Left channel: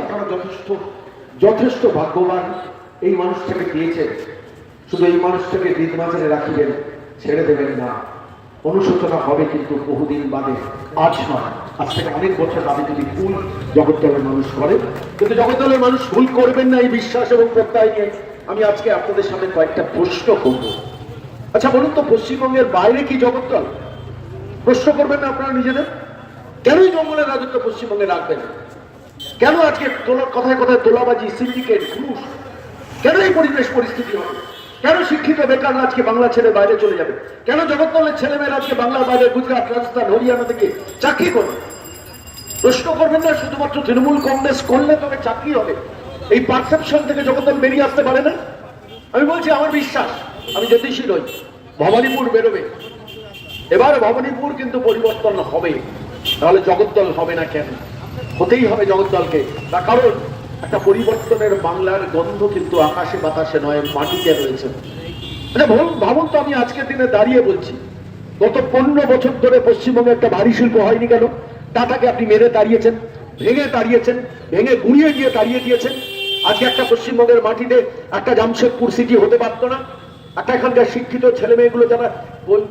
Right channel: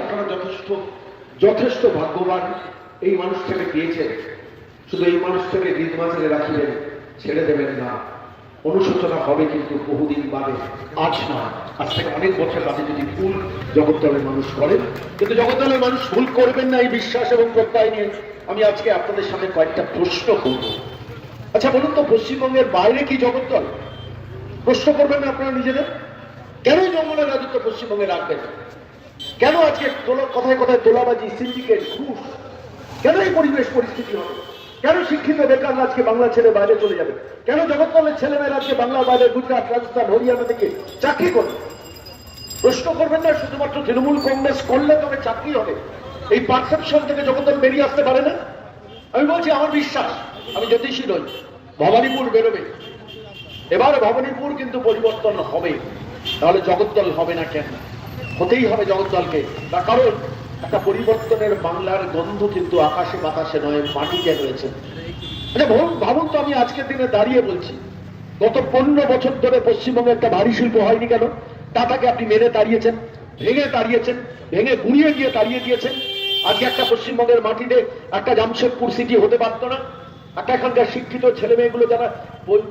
আপনারা যথেষ্ট যথেষ্ট ভাগ্যবান এই মানুষটাকে পেয়েছেন। শুধু এই মানুষটাকে হৃদমাঝারে রাখিবেন, ছেড়ে দেবেন না। অনুশোচনা হবে কিন্তু বহুদিন বাদে, আজ নয়, আজ থেকে অনেক বছর বাদে যদি ভুল জগদ্দলের মানুষ করেন। কিন্তু জগদ্দলের মানুষ ভুল করবেন না এই বিশ্বাস এবং প্রত্যয় নিয়ে আমি আজকে আপনাদের সামনে কয়েকটা প্রশ্ন করব। আচ্ছা বলুন তো, পশ্চিমবঙ্গের বাইরে কি জগদ্দল? প্রশ্ন করবেন না আপনারা নিজেদের? কেনই জঙ্গলের রাজত্ব পশ্চিমবঙ্গে রাখবেন? কেন আজকে কথায় কথায় তোলাবাজি, সিন্ডিকেট, ঘুষ? কেন এই পরিবেশ পরিস্থিতি হবে? কেন শিক্ষিত বেকার আজকে বাংলা ছেড়ে বাইরে চলে যাবে? কেন জগদ্দলের ছেলেমেয়েরা আজকে বাংলার বাইরে, গুজরাট, রাজস্থান, হরিয়ানা থেকে চাকরি করবে? প্রশ্ন করবেন না শুধুমাত্র তৃণমূল কংগ্রেস করলে তবে চাকরি হবে, এই পারসেপশন থেকে জগদ্দল বেরিয়ে আসতে পারে না। আমি বলছি, আমার বিশ্বাস, আমি জ্যোতিষী নই, ভবানীপুর বেরোবে। এবার ভবানীপুর কিন্তু পরিবর্তন হবে, তাহলে জগদ্দল হবে না কেন? হতেই হবে জগদ্দলকে। তার কারণ একটা পরিবর্তনের বাংলার গন্ধ কিন্তু আকাশে বাতাসে নয়, মাটিতে রয়েছে। আচ্ছা ভাবুন তো, আমি আজকের দিনে দাঁড়িয়ে বলছি, গত 15 বছর ধরে পশ্চিমবঙ্গে একটা ভারী শিল্প হয়নি কেন? টাটাকে আপনি মেরে তাড়িয়েছেন, ভেঙে গুঁড়িয়ে গিয়ে তাড়িয়ে দিয়েছেন। আজকে একটা পশ্চিমবঙ্গের মাটিতে একটা জামশেদপুর সিটি হতে পারতো না? একটা এখানকার শিক্ষিত ছেলে মেয়েগুলো যারা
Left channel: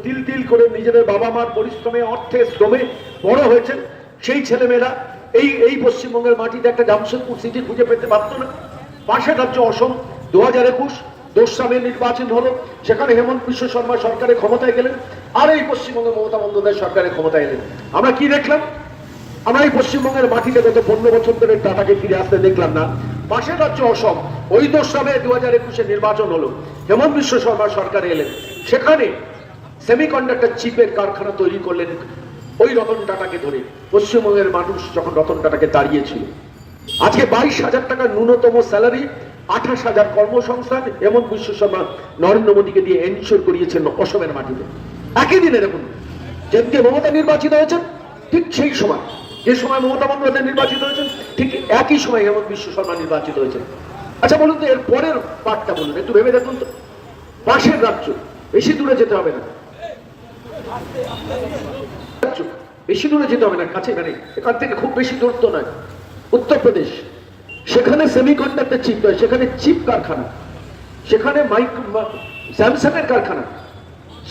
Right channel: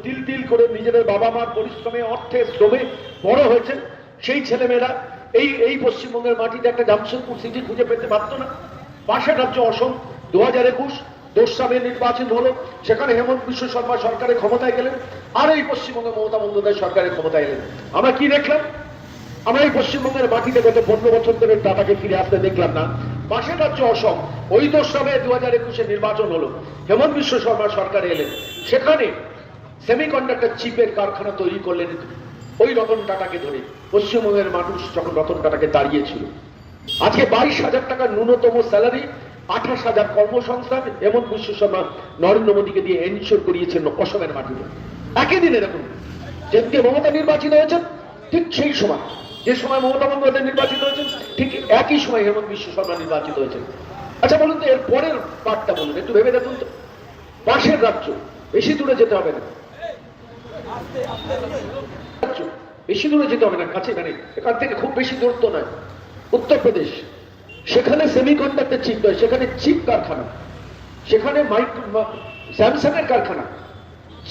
তিল তিল করে নিজেদের বাবা মার পরিশ্রমে, অর্থে, শ্রমে বড় হয়েছেন, সেই ছেলেমেয়েরা এই পশ্চিমবঙ্গের মাটিতে একটা জামশেদপুর সিটি খুঁজে পেতে পারতো না? পাশের রাজ্য অসম 2021 সালে নির্বাচন হলো, সেখানে হেমন্ত বিশ্ব শর্মা সরকারের ক্ষমতায় গেলেন, আর এই পশ্চিমবঙ্গে মমতা বন্দ্যোপাধ্যায় সরকারের ক্ষমতায় গেলেন। আমরা কি দেখলাম? আমরা এই পশ্চিমবঙ্গের মাটিতে গত 15 বছর ধরে টাটাকে ফিরে আসতে দেখলাম না। পাশের রাজ্য অসম, ওই সালে 2021 নির্বাচন হলো, হেমন্ত বিশ্ব শর্মা সরকার এলেন, সেখানে সেমিকন্ডাক্টর চিপের কারখানা তৈরি করলেন ওই রতন টাটাকে ধরে। পশ্চিমবঙ্গের মানুষ যখন রতন টাটাকে দাঁড়িয়েছিল, আজকে 22,000 টাকা ন্যূনতম স্যালারি, 28,000 কর্মসংস্থান হেমন্ত বিশ্ব শর্মা নরেন্দ্র মোদীকে দিয়ে এনশিওর করিয়েছেন অসমের মাটিতে। একই দিনে দেখুন, যেদিকে মমতা নির্বাচিত হয়েছেন, ঠিক সেই সময়, যে সময় মমতা বন্দ্যোপাধ্যায় নির্বাচিত হয়েছেন, ঠিক একই সময় হেমন্ত বিশ্ব শর্মা নির্বাচিত হয়েছেন। আচ্ছা বলুন তো, এর পরের পার্টটা বলুন, একটু ভেবে দেখুন তো। পাশের রাজ্য, বেশি দূরে যেতে হবে না, বেশি দূরে যেতে হবে না, কাছে মানে এখান থেকে খুব বেশি দূরত্ব নয়, উত্তরপ্রদেশ। সেখানে সেমিকন্ডাক্টর চিপ, সেখানে চিপ কারখানা, সেখানে স্যামসাং এর কারখানা।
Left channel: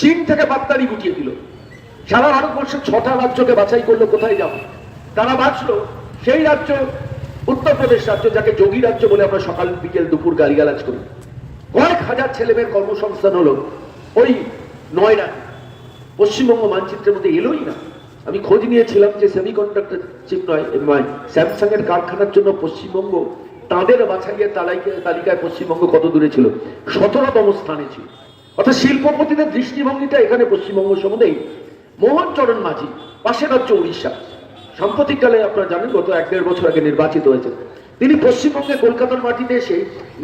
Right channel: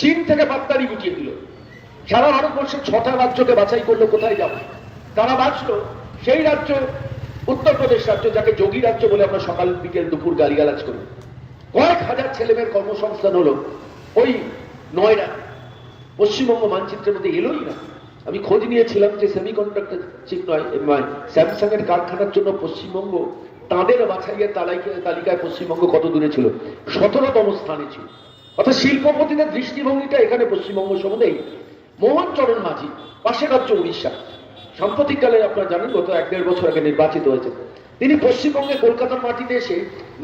চীন থেকে বার্তারি গুটিয়ে দিল, সারা ভারতবর্ষের 6টা রাজ্যকে বাছাই করলো কোথায় যাবে। তারা বাঁচলো সেই রাজ্য উত্তরপ্রদেশ রাজ্য, যাকে যোগী রাজ্য বলে আমরা সকাল বিকেল দুপুর গালিগালাজ করি। কয়েক হাজার ছেলেমেয়ের কর্মসংস্থান হলো ওই নয়ডা। পশ্চিমবঙ্গ মানচিত্রের মধ্যে এলোই না। আমি খোঁজ নিয়েছিলাম যে সেমিকন্ডাক্টর চিপ নয়, স্যামসাং এর কারখানার জন্য পশ্চিমবঙ্গ তাদের বাছাইয়ের তালিকায় পশ্চিমবঙ্গ কত দূরে ছিল? 17তম স্থানে ছিল। অর্থাৎ শিল্পপতিদের দৃষ্টিভঙ্গিটা এখানে পশ্চিমবঙ্গ সম্বন্ধে। মোহন চরণ মাঝি, পাশের রাজ্য উড়িষ্যা, সাম্প্রতিককালে আপনারা জানেন গত 1-1.5 বছর আগে নির্বাচিত হয়েছে। তিনি পশ্চিমবঙ্গে কলকাতার মাটিতে এসে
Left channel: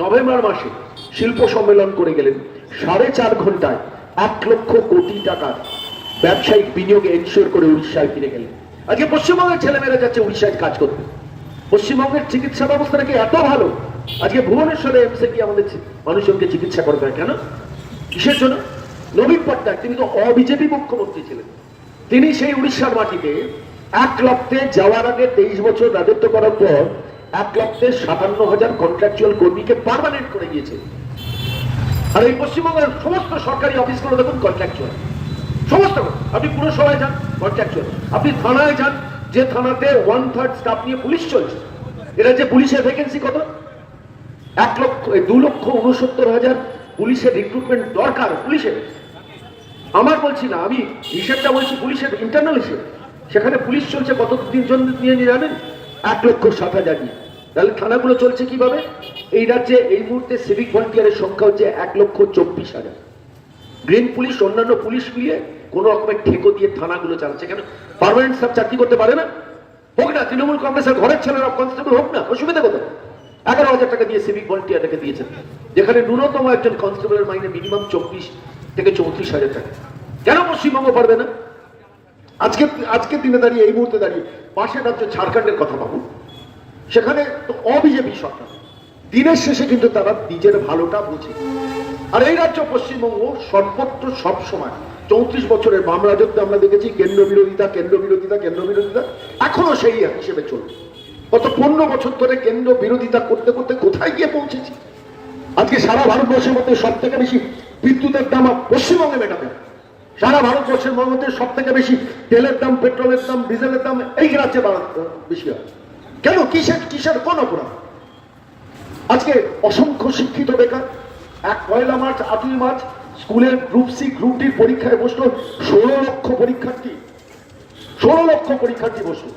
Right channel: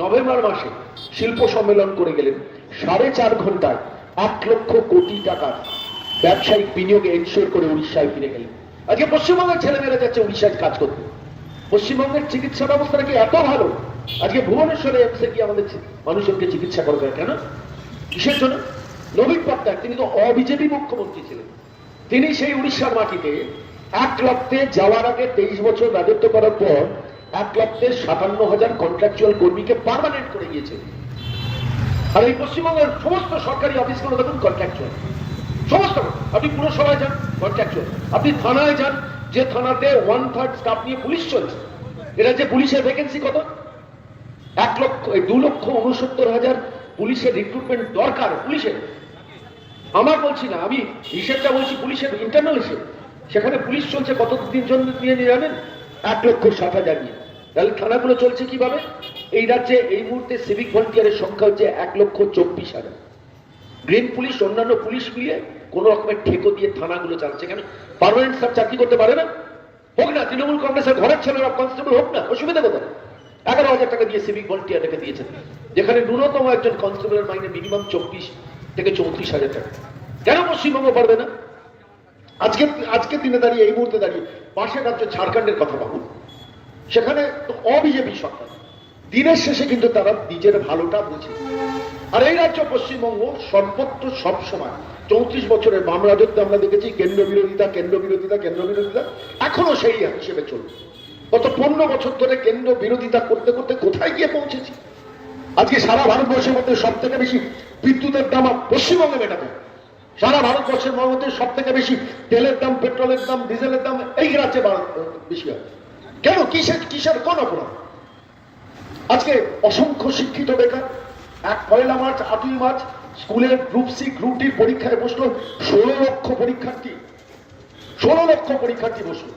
নভেম্বর মাসে শিল্প সম্মেলন করে গেলেন। 4.5 ঘন্টায় 1 লক্ষ কোটি টাকার ব্যবসায়িক বিনিয়োগে এনশিওর করে উড়িষ্যায় ফিরে গেলেন। আজকে পশ্চিমবঙ্গের ছেলেমেয়েরা যাচ্ছে উড়িষ্যায় কাজ করতে। পশ্চিমবঙ্গের চিকিৎসা ব্যবস্থা নাকি এত ভালো, আজকে ভুবনেশ্বরে এমসে আমাদের মানুষজনকে চিকিৎসা করতে হয়। কেন? কিসের জন্য? নবীন পট্টনায়ক, তিনি তো অবিজেপি মুখ্যমন্ত্রী ছিলেন, তিনি সেই উড়িষ্যার মাটিতে 1 লক্ষে যাওয়ার আগে 23 বছর রাজত্ব করার পর 1,57,000 কন্ট্রাকচুয়াল কর্মীকে পার্মানেন্ট করে দিয়েছে। আর এই পশ্চিমবঙ্গের সমস্ত সরকারি অফিসগুলো দেখুন কন্ট্রাকচুয়াল, সমস্ত। আপনি পুরসভায় যান, কন্ট্রাকচুয়াল। আপনি থানায় যান, যে থানাতে 1/3 স্টাফ নিয়ে পুলিশ চলছে, এরা যে পুলিশের ভ্যাকেন্সি কত? 2,69,000 পুলিশের রিক্রুটমেন্ট দরকার। পুলিশের আমার বলছি না, আমি হিসেবটা বলছি, পুলিশের ইন্টারনাল হিসেব। সেখানে পুলিশ চলছে কত জন নিয়ে জানেন? 1,07,000 নিয়ে। তাহলে থানাগুলো চলছে কিভাবে? এই রাজ্যে এই মুহূর্তে সিভিক ভলেন্টিয়ারের সংখ্যা হচ্ছে 1,24,000। গ্রিন পুলিশ, অন্যান্য পুলিশ মিলিয়ে কোন রকমের ঠেকো দিয়ে থানাগুলো চালাচ্ছে। কেন? পার্মানেন্ট স্টাফ চাকরি করতে পারে না? হোক না তৃণমূল কংগ্রেসের ঘরের ছেলেরা কনস্টেবল হোক না, অসুবিধা কোথায়? 11,000 টাকা দিয়ে সিভিক ভলেন্টিয়ারকে দিয়েছেন, যেখানে ন্যূনতম একজন কনস্টেবলের মাইনে মিনিমাম 24 থেকে 34,000 টাকা। কেন পশ্চিমবঙ্গ পারবে না? আজকে দিনে দাঁড়িয়ে, এই মুহূর্তে দাঁড়িয়ে পাশের রাজ্য ঝাড়খণ্ডের কথা ভাবুন, সেখানে তো অবিজেপি সরকার। দিনের শেষে কিন্তু তারা নিজের ভালোটা বুঝে। আর এই রাজ্য পশ্চিমবঙ্গ সর্বত্র সবসময় 34 বছরের বাম রাজত্বে আমরা দেখেছি কেন্দ্র বিরোধিতা, এখনো সেই হিসেবে চলবে। গত 15 বছর ধরে কেন্দ্র বিরোধিতা করতে করতে কোথায় গিয়ে পৌঁছেছি? আজকে সারা ভারতবর্ষের মধ্যে সব থেকে বেশি বিদ্যুতের দাম পশ্চিমবঙ্গে মেটাবে। সারা ভারতবর্ষের মধ্যে সব থেকে বেশি তেলের দাম, পেট্রোলের দাম, ডিজেলের দাম এই রাজ্যে বেশি হয়। কেন? কিসের কোন অপরাধ? আজকে অসংখ্য শিক্ষিত বেকার। এক 1 মার্চ 8 মার্চ স্কুলের গ্রুপ সি গ্রুপ ডি পরীক্ষায় বসলো 16 লক্ষ পরীক্ষার্থী। 16 লক্ষ পরীক্ষার্থী বসলো।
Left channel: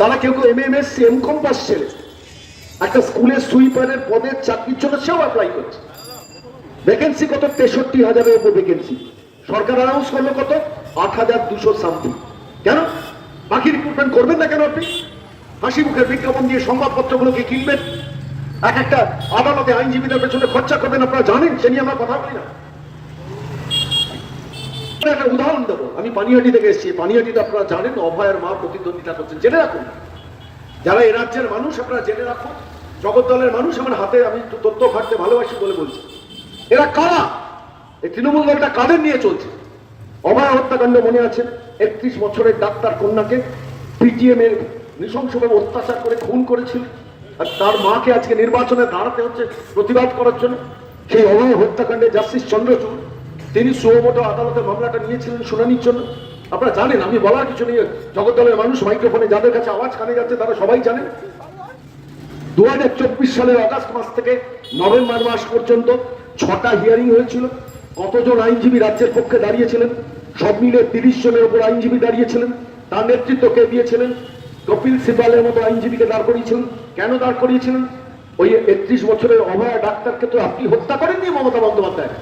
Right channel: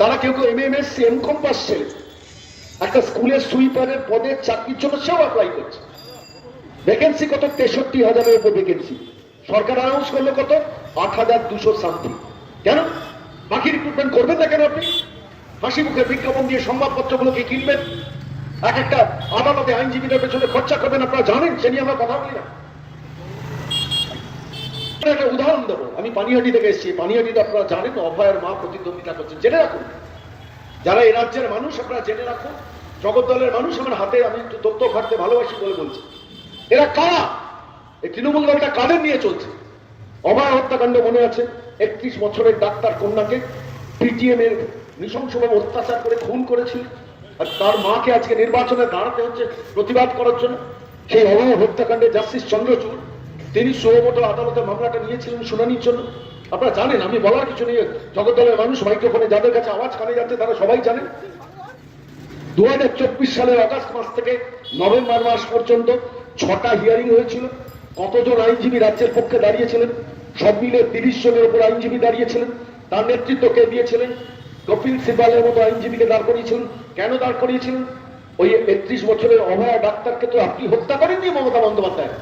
তারা কেউ কেউ MMS MCOM পাস ছেলে একটা স্কুলের সুইপারের পদের চাকরির জন্য সেও অ্যাপ্লাই করছে। ভ্যাকেন্সি কত? 63,000-এর উপর ভ্যাকেন্সি। সরকার অ্যানাউন্স করলো কত? 8,200 সামথিং। কেন? বাকি রিক্রুটমেন্ট করবেন না কেন? আপনি হাসি মুখের বিজ্ঞাপন দিয়ে সংবাদপত্রগুলোকে কিনবেন, এক একটা আদালতে আইনজীবীদের পেছনে খরচা করবেন। আপনারা জানেন, সে নিয়ে আমরা কথা বলি না। একটা উদাহরণ দেবো। আমি পানিহাটি থেকে এসেছি। পানিহাটিতে আপনারা জানেন অভয়ের মা প্রতিদ্বন্দ্বিতা করছেন। জেনে রাখুন, যারা এই রাজ্যের মানুষ আপনারা জেনে রাখুন, জগদ্দলের মানুষ আমার হাতে, আমি তথ্য ঘাটতে ভালোবাসি বলে বলছি। এরা কারা? এই তৃণমূল দলটা কাদের নিয়ে চলছে? অভয় হত্যাকাণ্ড মনে আছে? 31 বছরের ডাক্তার কন্যাকে PTM এর নৃশংসভাবে অত্যাচার করে খুন করেছিল, আর তার মাকে আজকে নির্বাচনে দাঁড়াতে হচ্ছে প্রতিবাদ করার জন্য। সেই অভয় হত্যাকাণ্ডে জাস্টিস চন্দ্রচূড় তিনি সুমোটো আদালতে মামলাটা নিয়েছিলেন শুনানির জন্য। আপনারা জানেন, আমি বলার কিছু নেই। জগদ্দলের মানুষ মাইক্রোফোনে যাদের কাছে আওয়াজ কানে যাচ্ছে তারা সবাই জানেন। 2024 সালের অগাস্ট মাস থেকে নভেম্বর মাস পর্যন্ত 6টা হিয়ারিং হয়েছিল। কতজন আইনজীবী রাজ্যের পক্ষে দাঁড়িয়েছিলেন? সব মিলে 30 জনের উপর আইনজীবী দাঁড়িয়েছিলেন। তার নেতৃত্ব কে দিয়েছিলেন? কপিল সিবালের মতো আইনজীবীকে দাঁড় করিয়েছিলেন। কেন দাঁড় করিয়েছিলেন? ওই 31 বছরের অভয়া ডাক্তারকে তো আপনি হত্যা করেননি মমতা বন্দ্যোপাধ্যায়।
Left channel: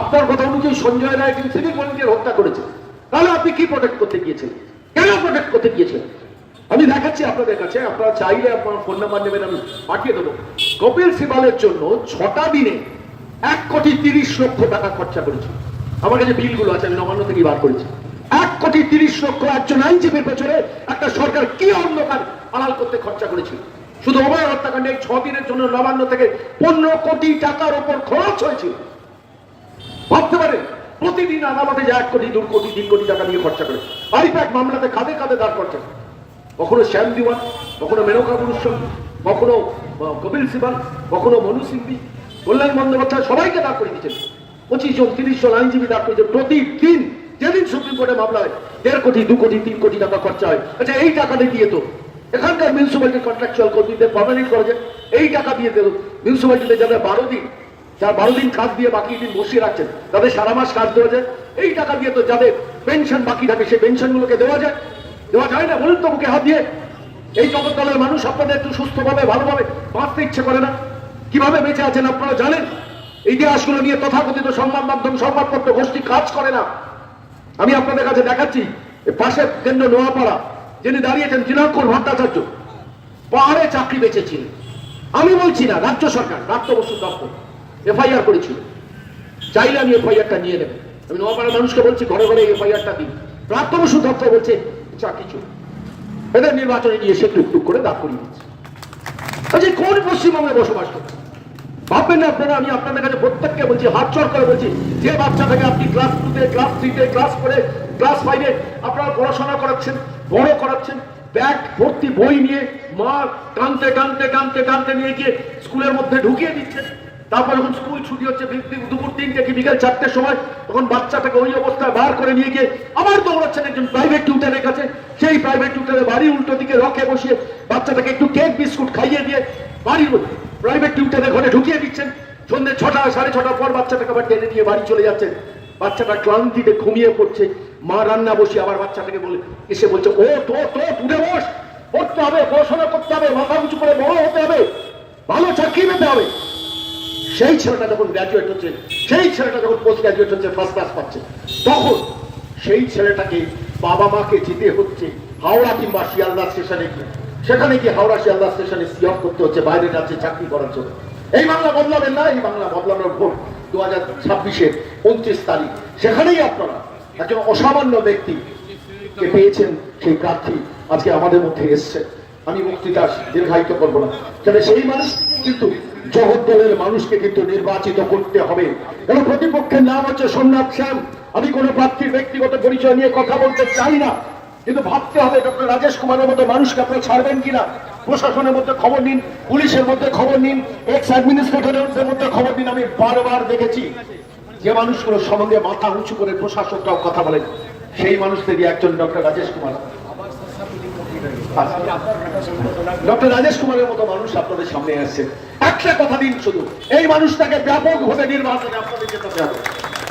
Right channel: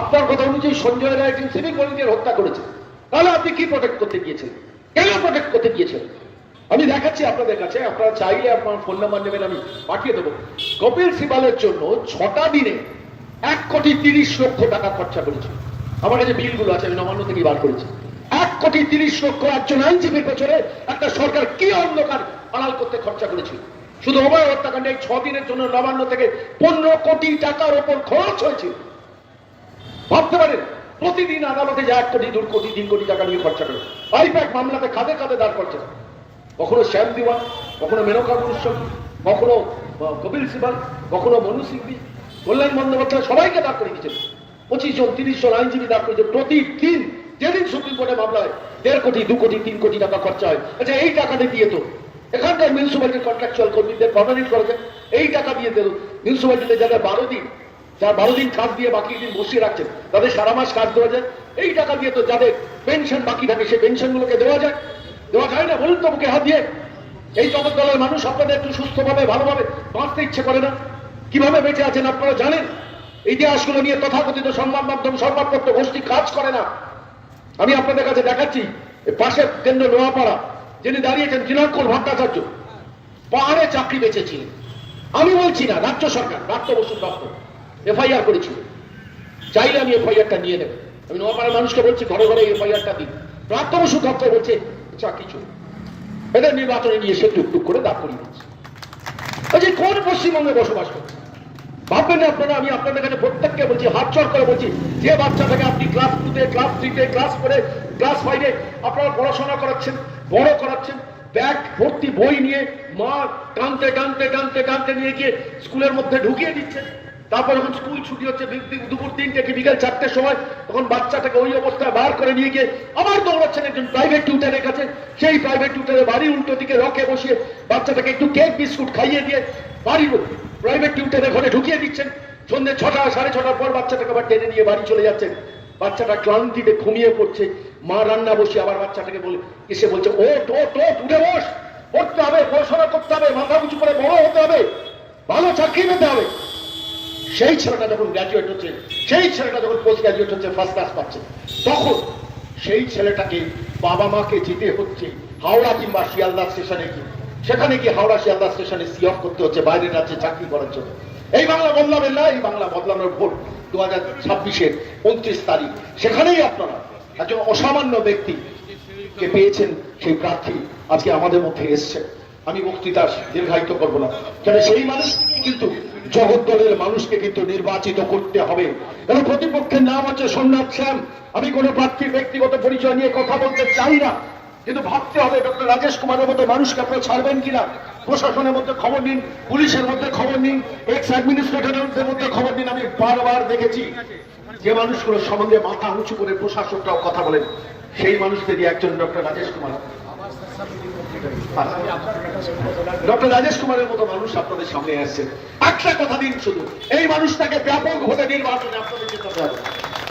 আপনার কথা অনুযায়ী সঞ্জয় রায় একজন সিভিক ভলেন্টিয়ার হত্যা করেছে। তাহলে আপনি কি প্রোটেক্ট করতে গিয়েছিলেন? কেন প্রোটেক্ট করতে গিয়েছিলেন? আমি দেখাচ্ছি আপনাদের কাছে, আপনারা চাইলে আপনার ফোন নাম্বার নেবেন, আমি পাঠিয়ে দেবো। কপিল সিবালের জন্য 6টা দিনে 1,30,00,000 টাকা খরচা করেছে। আমার কাছে বিলগুলো আছে, আমি নবান্ন থেকে বার করেছি। 1,30,00,000 একজন আইনজীবীর পেছনে একটা সরকার কি অন্ধকার আড়াল করতে খরচা করেছিল। শুধু অভয় হত্যাকাণ্ডে 6 দিনের জন্য নবান্ন থেকে 15 কোটি টাকার উপর খরচ হয়েছিল। ভাবতে পারেন, প্রতিদিন আদালতে যায় 1 কোটি 2 কোটি 3 কোটি টাকা নিয়ে খরচা করে। আইপ্যাক মামলাতে কাঁধে কাঁধে দাঁড় করছে। কখনো শ্যাম দিওয়ান, কখনো মেনকা গুরুস্বামী, কখনো কপিল সিবাল, কখনো মনু সিংভি, কল্যাণ বন্দ্যোপাধ্যায়, সবাইকে দাঁড় করে দিয়েছেন। 25 জন 30 জন আইনজীবী দাঁড় করেছে। প্রতিদিন যেদিন সুপ্রিম কোর্টে মামলা হয় 1.5 কোটি 2 কোটি 3 কোটি টাকা খরচা হয়। আচ্ছা, এই টাকাটা দিয়ে তো এখানকার মিউনিসিপ্যালিটি কন্ট্রাকচুয়াল কর্মীদের পার্মানেন্ট করা যায়। এই টাকা দিয়ে দেবো মিউনিসিপ্যালিটিতে যাদের 12 দিন, যার 12 দিন কাজ দিয়ে বাকি দিন বসিয়ে রাখছেন, তাদের সারা মাস কাজ দেওয়া যায়। এই টাকা দিয়ে তো যাদের পেনশন বাকি থাকে সেই পেনশনগুলোকে দেওয়া যায়। দেওয়া যায় না? বলুন তো মুখে হাত দিয়ে। এই জগদ্দলের মানুষ আপনাদের একটু সুস্থভাবে ভালোভাবে বাঁচতে ইচ্ছে করে না? কিভাবে বেঁচে আছেন আপনারা জানেন? ইতিহাসগুলো নিয়ে তথাকথিত সংবাদ মাধ্যম, সংবাদপত্র গোষ্ঠী কাজ করে না। আমি আপনাদের কাছে দেখাচ্ছি, পাশের কেন্দ্র নোয়াপাড়া যিনি দাঁড়িয়েছেন দিনাঙ্কর ভট্টাচার্য, পাহাড়ে চাকরি বেঁচেছিলেন। আমি বলছি না, রাজ্য সরকার প্রাপ্ত বসু দপ্তর FIR করেছিল। চাইলে আমি FIR-টা নিয়ে নেব। আমি নোয়াপাড়ার মানুষকে বলছি, ঘরে ঘরে FIR-টা দিন। প্রাপ্ত বসু দপ্তর বলছে কিছু এদের নির্বাচনে নিয়ে সে টুকটুক করে দাঁড় করিয়ে দিচ্ছে। যে কোন পশ্চিমবঙ্গে বসবাস করছে ভাববেন না আপনারা। আমি আপনাদের কাছে প্রত্যেককে বলছি, হাত চড় করে বলছি, যে বাচ্চাটাকে আপনি ক্লাস 2-তে, ক্লাস 3-তে, ক্লাস 4-এ, ক্লাস 5-এ আপনারা পড়াশোনা করাচ্ছেন, বড় করাচ্ছেন, ব্যাগ ভর্তি বই নিয়ে মা টানতে টানতে টানতে টানতে নিয়ে গিয়ে স্কুলের মধ্যে ঢুকিয়ে দিচ্ছেন। তারপর যখন স্কুল ছুটি হচ্ছে দুপুর 3টে কি বিকেল 4টের সময়, তখন বাচ্চাটাকে ওই অবস্থায় বার করে নিয়ে গিয়ে আবার দৌড়াচ্ছেন একজন প্রাইভেট টিউটারের কাছে। সেই প্রাইভেট টিউটারের বাড়ির উল্টো দিকে রকে বসিয়ে বাচ্চাটাকে একটু কেক বিস্কুট খাইয়ে দিয়ে বাড়ির প্রাইভেট টিউটারের ঘরে ঢুকিয়ে দিচ্ছেন। সন্ধ্যে 6টা 6:30 পর বাচ্চাটাকে আবার টেনে নিয়ে বাড়ি চলে যাচ্ছেন। বাচ্চাটা ক্লান্তিতে ঘুমিয়ে পড়ছে। মা রান্না বসে আবার বাচ্চাটাকে বলে এসে বলছে, ও তো উঠে বস, পড়তে হবে, পড়াশোনা করতে হবে, মাথা উঁচু করে বড় হতে হবে, ভালো চাকরি পেতে হবে। সেই ছেলেটা যখন গ্র্যাজুয়েট হচ্ছে, সেই ছেলেটা যখন পোস্ট গ্র্যাজুয়েট হচ্ছে, ফার্স্ট ক্লাস পাচ্ছে, তখন সেই ছেলেটাকে বাবা মাকে যেতে হচ্ছে হাওড়া কিংবা শিয়ালদা স্টেশনে গিয়ে, সেখানে গিয়ে হাওড়া শিয়ালদা স্টেশনে সি অফ করতে হচ্ছে বাইরের রাজ্যে চাকরি করার জন্য। এই বাংলা বদলাবেন না। এই বাংলা বদলানোর ভোট 2026-এর 29 তারিখ। সেখানেই আপনারা একজন অসামান্য ব্যক্তিকে পেয়েছেন। সেই প্রার্থী আজকে আমাদের মধ্যে এসছে। আমি বক্তৃতা দীর্ঘায়িত করবো না, কেন সেই মানুষ কিন্তু জগদ্দলের মানুষকে কিন্তু নির্বাচিত করতে হবে। এবং প্রতিপক্ষের নাম হচ্ছে সোমনাথ শ্যাম। আমি কোনো প্রার্থীর ব্যক্তিগত পরিচয় নিয়ে কথা বলতে চাই না। কিন্তু ভাবতে হবে ডক্টর রাজেশ কুমারের মতো মানুষকে আপনারা ছাড়বেন কিনা। প্রশাসনের মধ্যে খবর নিন, পুলিশের মধ্যে খবর নিন, এক্স অ্যাডমিনিস্ট্রেটরের মধ্যে খবর নিন। আমি বারবার দেখেছি যে মানুষগুলোর সম্বন্ধে মাথা উঁচু করে প্রশাসকরাও কথা বলেন, সেই মানুষদেরই একজন ডক্টর রাজেশ কুমার। ডক্টর রাজেশ কুমারের মতো মানুষ আপনাদের সামনে আসছে। একটা কথা দিন শুধু, এই মানুষটাকে ব্যাপক ভোটে নির্বাচনে আপনাদের যেতে হবে।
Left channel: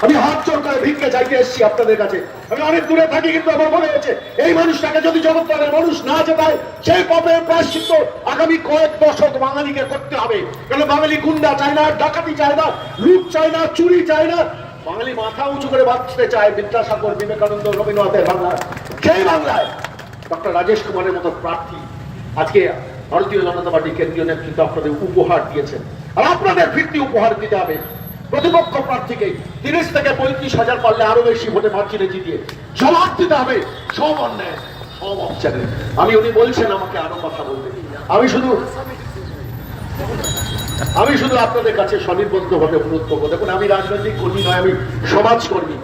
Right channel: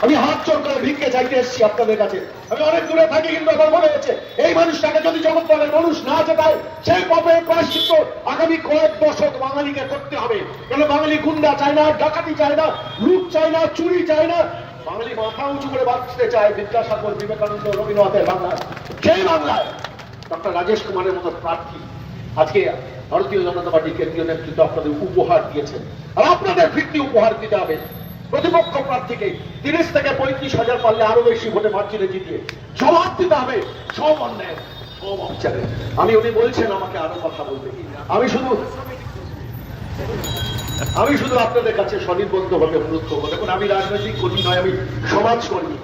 আমি হাত জোর করে ভিক্ষে চাইতে এসেছি আপনাদের কাছে। আমি অনেক দূরে থাকি, কিন্তু আমার মনে হচ্ছে এই মানুষটাকে যদি জগৎপালের মানুষ না জেতায়, সেই পাপের প্রায়শ্চিত্ত আগামী কয়েক দশক বাঙালিকে করতে হবে। কেন বাঙালি গুন্ডা চায় না, ডাকাতি চায় না, লুট চায় না, চুরি চায় না। বাঙালি মাথা উঁচু করে বাঁচতে চায় বিদ্যাসাগর, বিবেকানন্দ, রবীন্দ্রনাথের বাংলায়। সেই বাংলায় ডক্টর রাজেশ কুমারের মতো প্রার্থী আজকে ভারতীয় জনতা পার্টি কেন্দ্রীয় নেতৃত্ব আপনাদের উপহার দিয়েছেন, আর আপনাদের ফিরতি উপহার দিতে হবে প্রতিপক্ষ প্রার্থীকে 30 থেকে 35,000 পারলে আরো বেশি ভোটে মার্জিনে জিতিয়ে জবাব দিতে হবে সব অন্যায়, সব অত্যাচারের। উনি বলছেন আমাকে আরো কথা বলতে, আমি শুধু আপনাদের কাছে স্বনির্বন্ধভাবে অনুরোধ করবো। দেখুন, আমি রাজনৈতিক কর্মী নয়, আমি সমাজকর্মী।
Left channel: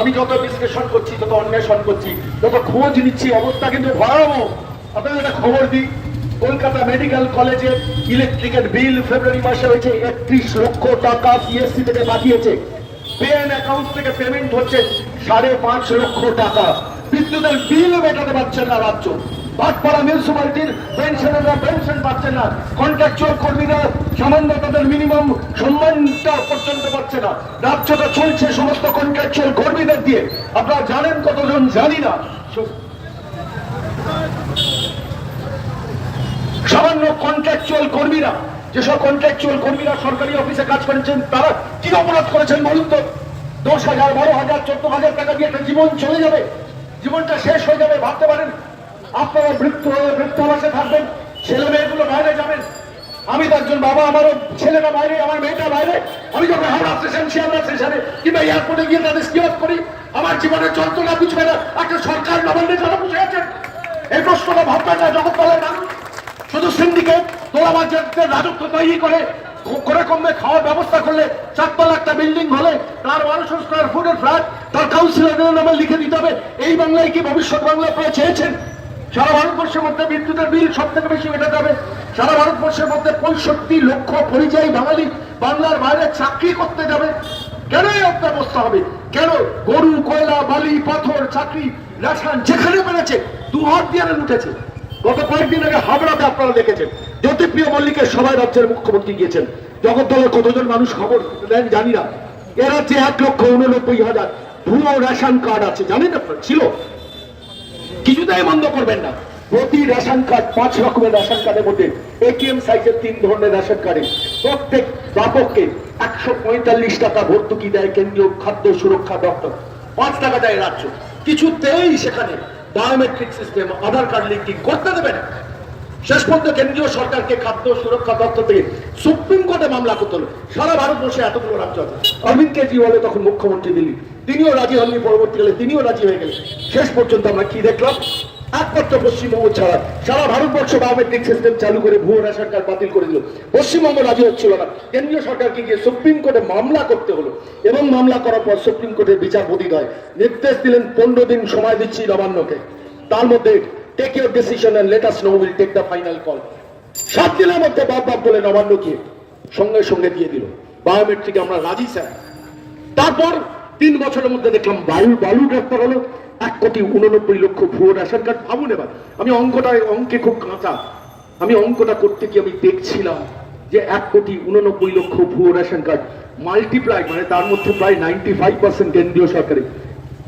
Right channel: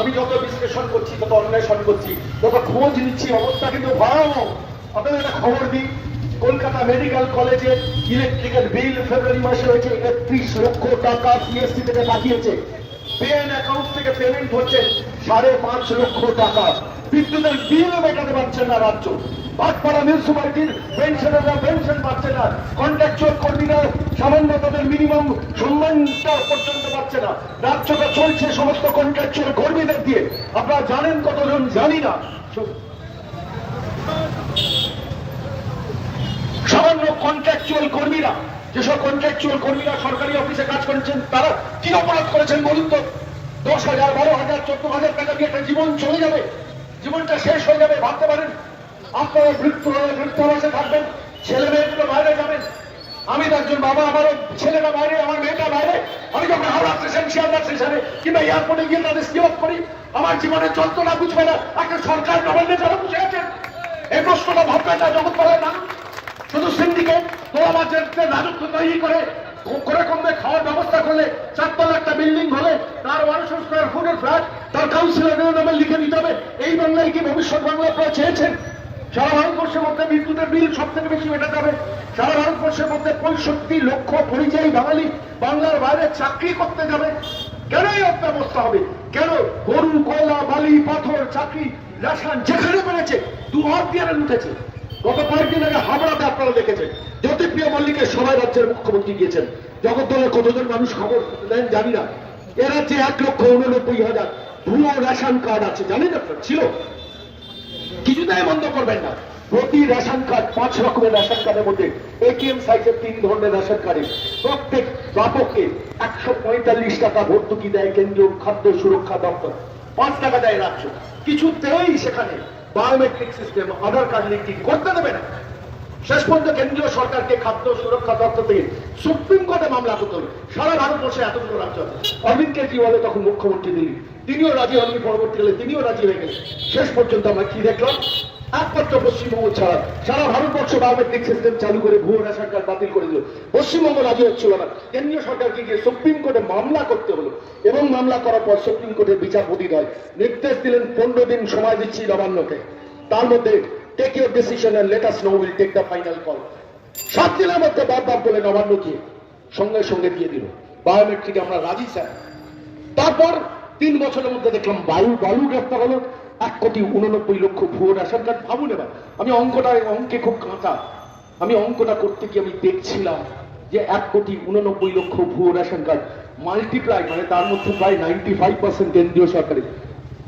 আমি যত বিশ্লেষণ করছি, যত অন্বেষণ করছি, যত খোঁজ নিচ্ছি, অবস্থা কিন্তু ভয়াবহ। আপনাদের একটা খবর দিই, কলকাতা মেডিকেল কলেজের ইলেকট্রিকের বিল ফেব্রুয়ারি মাসে হয়েছে 31 লক্ষ টাকা সিএসসি থেকে পাঠিয়েছে। পেন অ্যাকাউন্ট থেকে পেমেন্ট হচ্ছে 5.5 লক্ষ টাকা। বিদ্যুতের বিল মেটাতে পারছেন না রাজ্য। ভাটপাড়া মিউনিসিপালিটির পেনশনাররা পেনশন পাচ্ছেন না। কন্ট্রাকচুয়াল কর্মীরা সামান্য তাদের মিনিমাম সম্মানটা পর্যন্ত পাচ্ছে না। রাজ্যটা চলছে সমস্ত কন্ট্রাকচুয়াল কর্মীদের দিয়ে। আপনারা জানেন কতজন, জানি না। সামান্য কন্ট্রাকচুয়াল কর্মীরা, যেসব কন্ট্রাকচুয়াল কর্মীরা সরকারি অফিসে কাজ করেছেন, তারা কি অপরাধ করেছেন বলুন তো? 10,000, 12,000, 14,000 টাকা দিয়ে একটা জীবন চলে যাবে, জীবনটা শেষ হয়ে যাবে। ভাবতে পারেন আপনারা বৃদ্ধাবাসে থাকবেন, ছেলে মেয়েগুলো বাইরে যাবেন। আমি তো একজন বাবা, আমারও ছেলেরা বাইরে, আমার মেয়েটা বাইরে। আমি যখন হাওড়া স্টেশন, শিয়ালদা স্টেশনে কিংবা এয়ারপোর্টে গিয়ে তাদের স্কিপ করি, আমার জীবনে চলতো না বুঝবে না একটা সরকার নবান্নে যারা বসে আছেন। এই প্রশ্নটা ভাবতে না জগৎপালের মানুষ। শুধু সিন্ডিকেট তোলাবাজের রাজত্ব তৈরি করে কমবে খাওয়ার ব্যবস্থা করলে 4 তলা একটা বিল্ডিং হলে তার 1200 স্কয়ার ফুটের ফ্ল্যাট তার কাউন্সিলরের নামে লিখে দিতে হবে। এই বাংলায় কি ভবিষ্যৎ বাংলা আপনারা চেয়েছেন? সারা ভারতবর্ষের মধ্যে বিদ্যুতের বিল সব থেকে বেশি মেটাতে হবে। সারা ভারতবর্ষের মধ্যে 65 লক্ষ পরিযায়ী বাঙালি বাংলার বাইরে চাকরি করতে যাবে। কেন এই অবস্থা হবে? কেন গরু, কয়লা, বালি, পাথর, চাকরি, রেশন যেখানে বেড়েছে 2 হাত দিয়ে লুটেছে। গত কয়েকদিন আগে হাবড়াতে আপনারা দেখেছেন জ্যোতিপ্রিয় মল্লিকের সবাই রাজ্যের মুখ্যমন্ত্রী গিয়েছেন। জগদ্দলের কতজন মানুষ খবর দেন জানি না। এ রাজ্যে 1,89,000 ভুয়ো রেশন কার্ড আছে, জানেন আপনার? ছিল, কিছুটাই বন্ধ করবেন না। প্রতি রেশন কার্ড 5 রকমের রেশন কার্ডের মধ্যে এটিএম সাইজের 3 ধরনের রেশন কার্ডে প্রত্যেক প্রাপককে 145 টাকা ভর্তুকি দেয় কেন্দ্রীয় খাদ্য সুরক্ষা দপ্তর। 5 টাকা দেয় রাজ্য। কিছুতেই সেখানে বায়োমেট্রিক সিস্টেম, আধার কার্ড লিঙ্কিং করতে দেবে না। শেষ পর্যন্ত কেন্দ্রীয় সরকারকে খাদ্য সুরক্ষা দপ্তর থেকে সুপ্রিম কোর্টে মামলা করতে হলো। সারা ভারতবর্ষে এতগুলো রাজ্য আছে। অরবিন্দ কেজরিওয়াল তখন মুখ্যমন্ত্রী দিল্লি, তিনিও রাজি হননি। পরবর্তীকালে তিনিও রাজি হয়ে গেলেন। শেষ পর্যন্ত আমরা কি দেখলাম? একমাত্র পশ্চিমবঙ্গ ছাড়া সারা ভারতবর্ষ বায়োমেট্রিক সিস্টেম চালু করে ভুয়ো রেশন কার্ড বাতিল করে দিল। পশ্চিমবঙ্গ রাজি হচ্ছিল না। কেন্দ্রীয় সরকারকে গিয়ে সুপ্রিম কোর্টে মামলা করতে হলো, এবং মামলা করার পর সুপ্রিম কোর্টের বিচারপতি নির্দেশ দিলেন 15 দিন সময় দিচ্ছি নবান্নকে। তার মধ্যে take your decision and let us know, will take the final call. 7 দিনের মধ্যে বাদ বলে নবান্নকে সঙ্গে সঙ্গে দিয়ে দিল বায়োমেট্রিক আমরা রাজি স্যার। তারপর 3 বছরের মধ্যে দেখলাম বালু গ্রেফতার হলো। 1,89,00,000 ভুয়ো রেশন কার্ড। ভাবুন এবার, আমি অঙ্কে খুব কাঁচা। আমি অঙ্কটা করতে গিয়ে আমি দেখছিলাম যে 1,89,00,000 ভুয়ো রেশন কার্ড মাল্টিপ্লাই, মানে তার মধ্যে প্রায় 95% কেন্দ্রীয় সরকারের।